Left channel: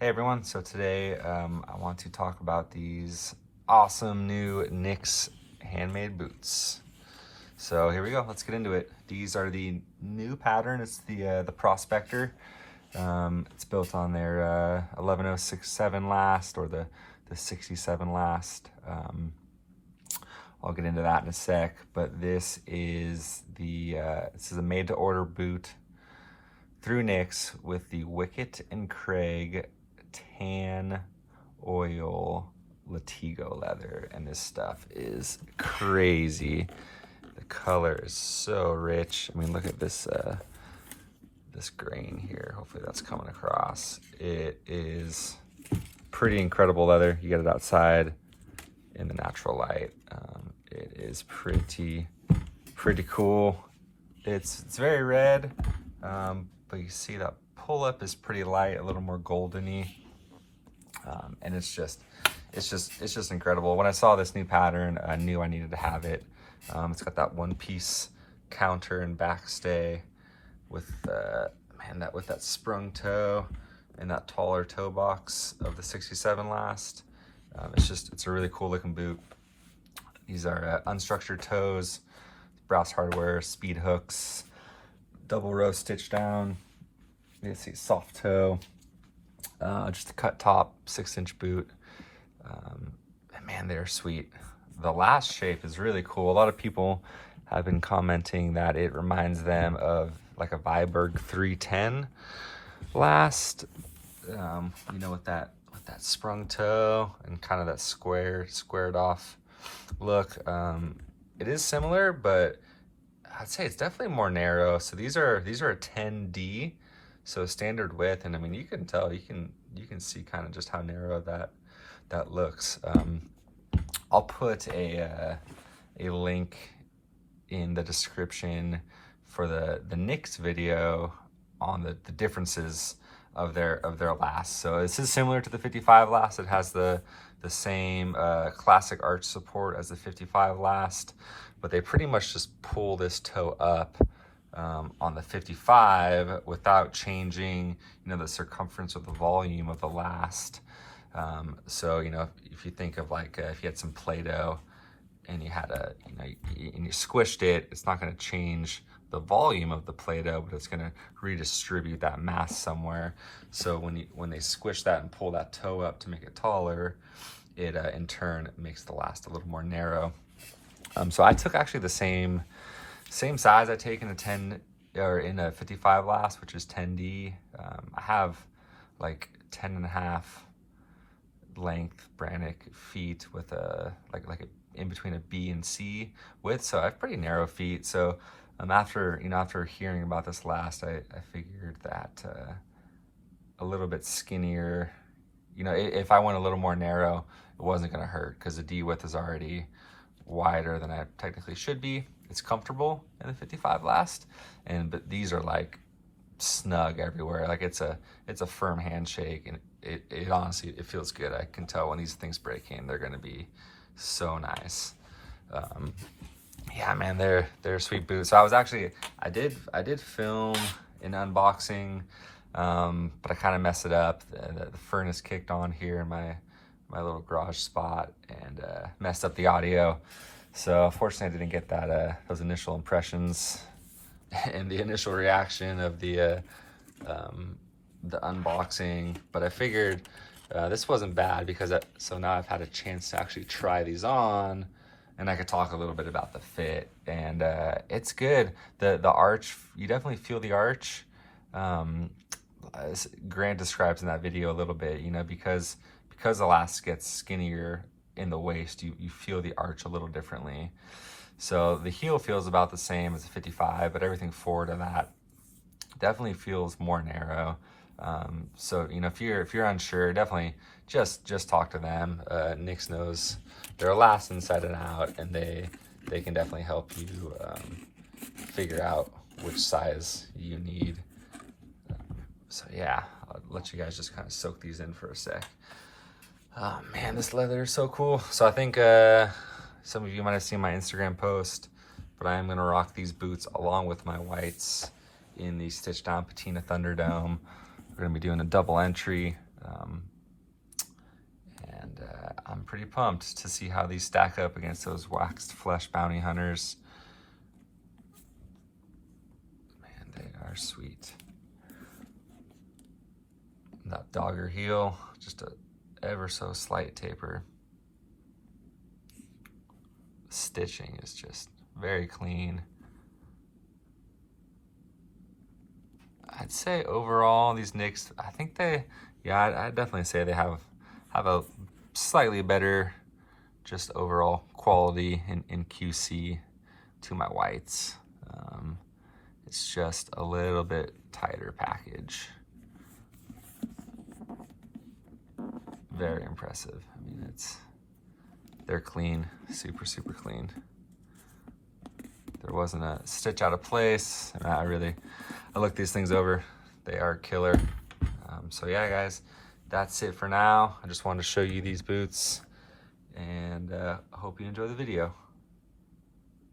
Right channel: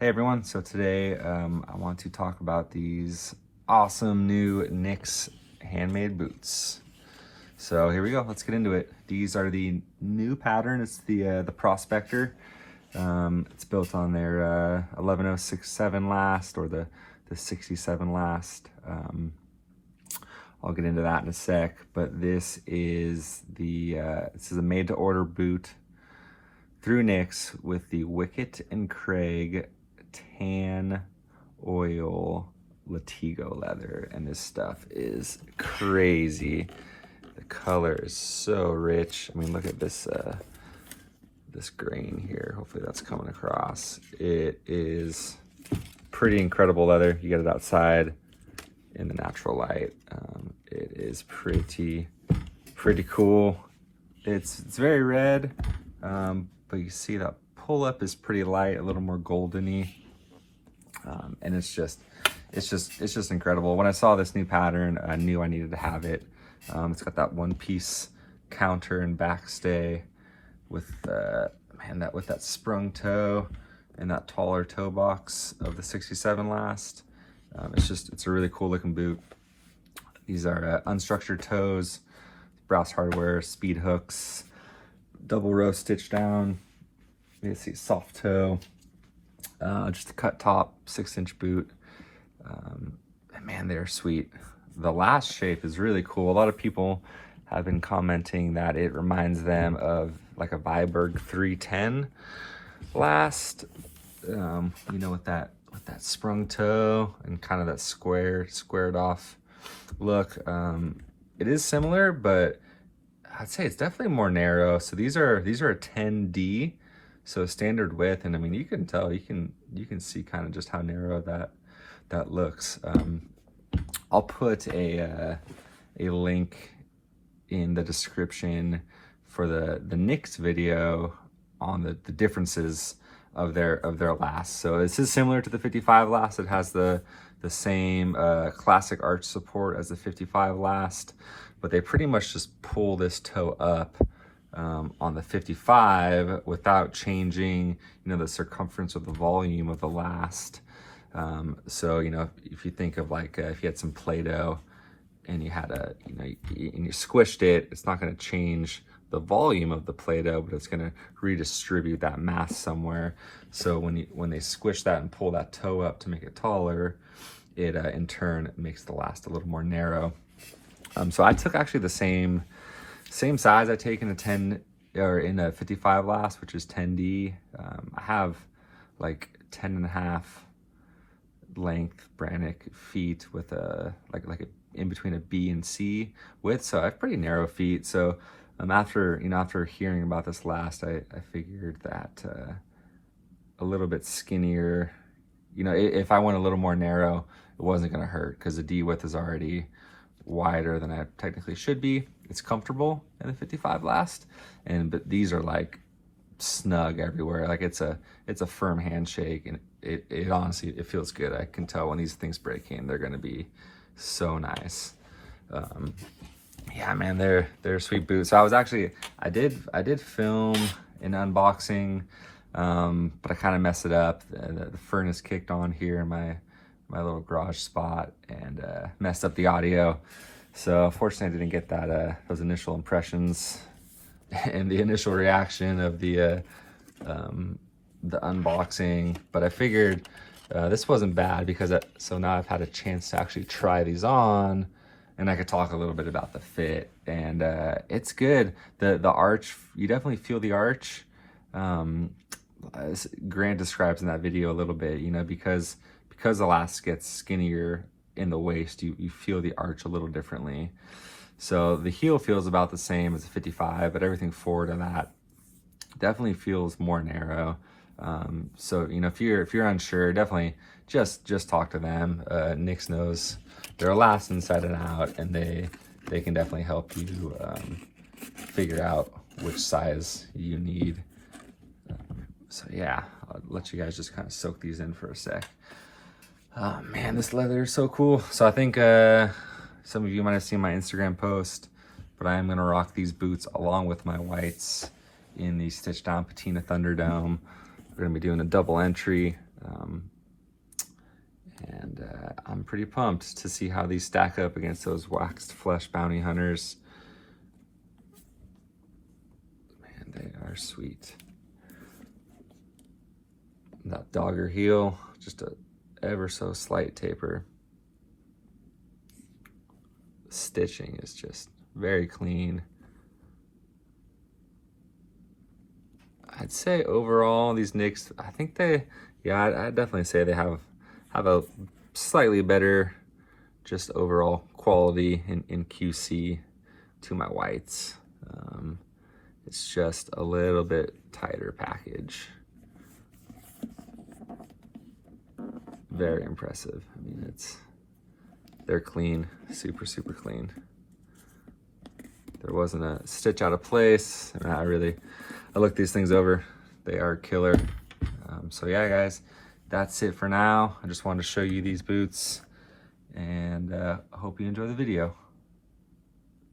Hey everyone, so today I want to talk about these awesome new Nyx Handmade Boots. So here we go, let's get into it. These are the new pattern, it's the Prospector. It's built on their 11067 last, or the 67 last. I'll get into that in a sec, but this is a made to order boot through Nyx with the Wickett and Craig tan oil Latigo leather, and this stuff is crazy. The color is so rich. I mean, look at this this grain here. Hopefully that's coming across. It is pretty incredible leather. You get it outside in the natural light. It is pretty cool. It's very red, but you see that pull up is pretty light, a little more goldeny, and it's just incredible. When I saw this new pattern, I knew I needed to have it. It's got that one piece counter and backstay with with that sprung toe and that taller toe box of the 67 last. It's a really cool looking boot. These are unstructured toes, brass hardware, speed hooks, double row stitch down. You can see soft toe, just a cut top, 6-inch boot. And man, they're sweet. The last shape is really cool. A lot of people have been commenting that it reminds them of like a Viberg 310 last. You know, with that sprung toe and kind of that squared off look. It is similar, but I'd say it's definitely more narrow. So these are a 10D, so standard width, and I mean you can tell, you can see kind of just how narrow that looks. I'll put a link in the description for the Nyx video on the differences of their last. So this is similar to the 55 last. It has the same classic arch support as the 55 last, but they pretty much just pull this toe up on the 55 without changing, you know, the circumference or the volume of the last. So, you know, if you think of like if you had some Play-Doh and you had and you squished it, it's not going to change the volume of the Play-Doh, but it's going to redistribute that mass somewhere. So when they squish that and pull that toe up to make it taller, it in turn makes the last a little more narrow. So I took actually the same size I take in a 10 or in a 55 last, which is 10D. I have like 10.5 length Brannick feet with a like in between a B and C width, so I have pretty narrow feet. So after hearing about this last, I figured that a little bit skinnier, you know, if I went a little more narrow, it wasn't going to hurt because the D width is already wider than I technically should be. It's comfortable in the 55 last, but these are like snug everywhere. Like it's a firm handshake, and it honestly, it feels good. I can tell when these things break in, they're going to be so nice. Yeah, man, they're sweet boots. So I did film an unboxing, but I kind of messed it up. The furnace kicked on here in my little garage spot and messed up the audio. So fortunately I didn't get that those initial impressions and the initial reaction of the unboxing, but I figured this wasn't bad because so now I've had a chance to actually try these on, and I could talk a little bit about the fit, and it's good. The arch, you definitely feel the arch. As Grant describes in that video a little bit, you know, because the last gets skinnier in the waist, you feel the arch a little differently. So the heel feels about the same as the 55, but everything forward of that definitely feels more narrow. So, you know, if you're unsure, definitely just talk to them. Nyx knows their last inside and out, and they can definitely help you figure out which size you need. So yeah, I'll let you guys just kind of soak these in for a sec. Oh man, this leather is so cool. So I think some of you might have seen my Instagram post, but I am gonna rock these boots along with my whites in the stitched down patina Thunderdome. We're gonna be doing a double entry. I'm pretty pumped to see how these stack up against those waxed flesh bounty hunters. Man, they are sweet. That dogger heel, just a ever so slight taper. The stitching is just very clean. I'd say overall these Nyx, I think they, yeah, I'd definitely say they have a slightly better just overall quality in QC to my whites. It's just a little bit tighter package. Very impressive. I mean, they're clean, super, super clean. There wasn't a stitch out of place. And I looked these things over. They are killer. So yeah, guys, that's it for now. I just wanted to show you these boots, and I hope you enjoy the video.